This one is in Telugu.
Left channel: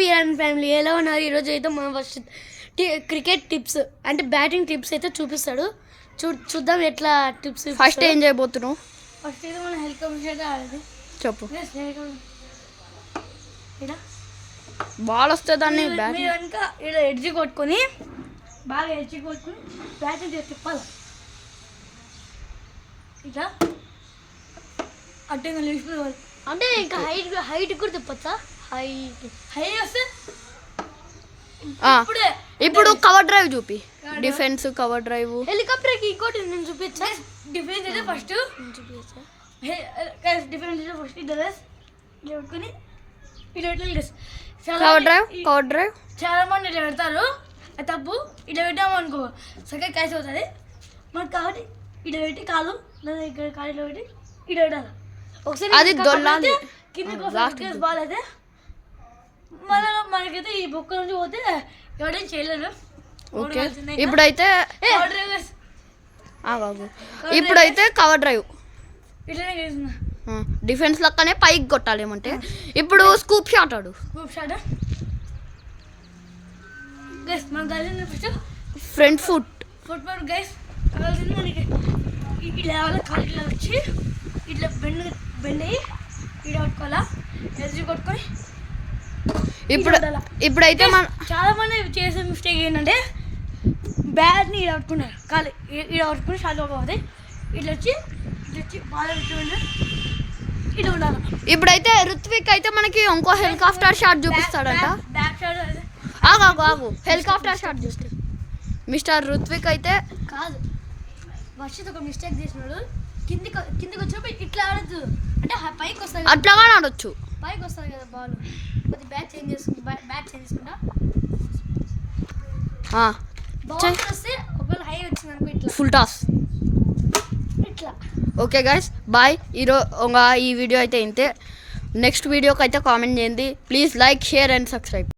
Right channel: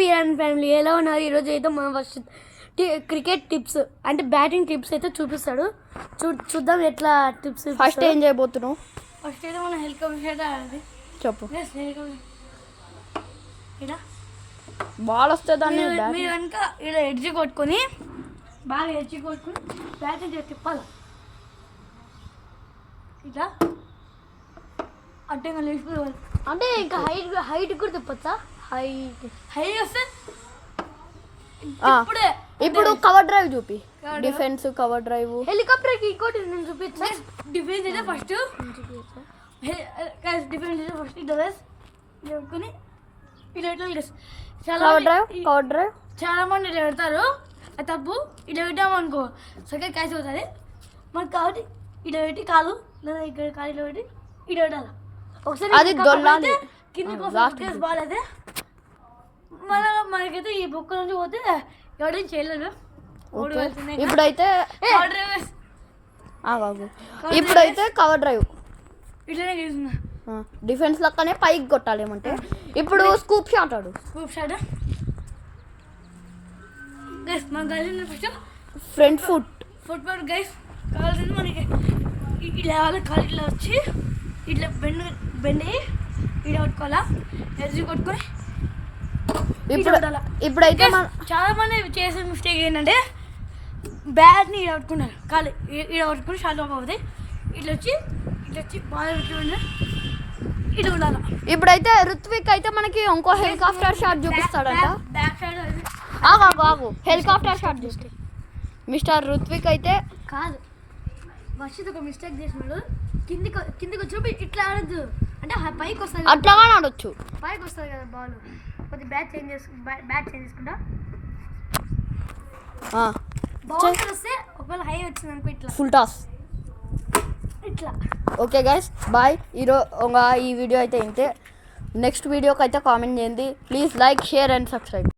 వీరన్ ఫ్యామిలీ ఎలా ఉన్నారు? ఈరోజు అయితే మనం ఫస్ట్ క్రికెట్ టిప్స్ అంటే బ్యాటింగ్ టిప్స్ అయితే చూపిస్తాడు. చూద్దాం ఎట్లా టిప్స్. ఫస్ట్ ఏం చేయబోతున్నావు? ఫస్ట్ అయితే మనం హెలికాప్టర్ ఆడేది. చెప్పు. ఇలా బాల్ వస్తే దాన్ని మీరు కనుక ఇలా ఎడ్జి కొట్టుకొని బాగా ఎడ్జి కొట్టుకొని బ్యాటింగ్ తిప్పాలి. ఇట్లా అంటే అంటే ఇంకా హైట్ కూడా తిప్పచ్చా? హైట్ వస్తే ఇప్పుడు కవర్ డ్రైవ్ చూపి. Defence cover drive. హెలికాప్టర్ కి ఇంకోటి నేను చూపించా. డిఫెన్స్ అయితే ఫస్ట్ డిఫెన్స్ అయితే ఫస్ట్ ఇట్లా కొట్టుకొని కవర్ డ్రైవ్ చాలా మంది ఇట్లా పెడతారు. అది తప్పు. ఇట్లా పెట్టాము అనుకో సెకండ్ క్యాచ్ అవుతుంది మనకు. కాబట్టి ఇట్లా పెట్టి కాదు లేదా ఇక్కడ కాలు ఇట్లా పెట్టి ఇట్లా పెట్టాలి. ఒకసారి అది దొల్లాలి కింద బాల్ అయితే మనకైతే ఈ బొక్క నుంచి పోతే ఎవరైనా చేయలేదు. ఓకే ఇప్పుడైతే ఇప్పుడైతే కవర్ డ్రైవ్ ఇట్లనే చేస్తున్నా. డిఫెన్స్ లెక్కనే పైకి కొట్టాలి ఏమంటే. ఇప్పుడు స్కూప్ షాట్ ఆడు. స్కూప్ షాట్ గైస్ మనం కావాల్సింది ఫస్ట్ ఫ్రంట్ ఫుట్బాల్ గైస్ కావాల్సింది మనకి. ఇలా కాలు ఇట్లా వచ్చి ఇట్లా బెండ్ అయ్యి ఇలా కొట్టుకోవాలా. ఎర్జీ కొట్టుకొని ఇప్పుడైతే చాలా మంది చేసే మిస్టేక్ ఏంటంటే బ్యాట్ని ఇలా పట్టుకున్నారు. కాలు ఇలా పట్టుకుని షార్ట్ అవుతుంది. ఇట్లా వచ్చి బాగా ఇట్లా ఉండాలి. ఇప్పుడైతే రుత్విక్ అయితే మనకి ఇంకో హెలికాప్టర్ షాట్ చూపిస్తాడంట. ఆగు హెలికాప్టర్ షాట్ చూస్తాడు మిస్టర్ రుత్విక్ అయితే. కాదు వర్షిత్ ఒక మిస్టేక్ చేసినాడు. కిందికి వచ్చినప్పుడు ఇట్లా ఆడద్దు అంటే పైకి వస్తుంది. అట్లాగానే ఆడొచ్చు. పైకి వస్తుంది కదా బాల్. కొద్దిగా బ్యాట్ చేంజ్ చేసుకుంటా బాల్ వస్తే ఒకవేళ హై వచ్చింది అనుకో ఇట్లా ఫుల్ టాస్ ఇట్లా. Okay guys bye. ఈ వీడియో అయితే ఇంతే. నెక్స్ట్ వీడియోకి అయితే కామెంట్ చేయండి. Please like share and subscribe.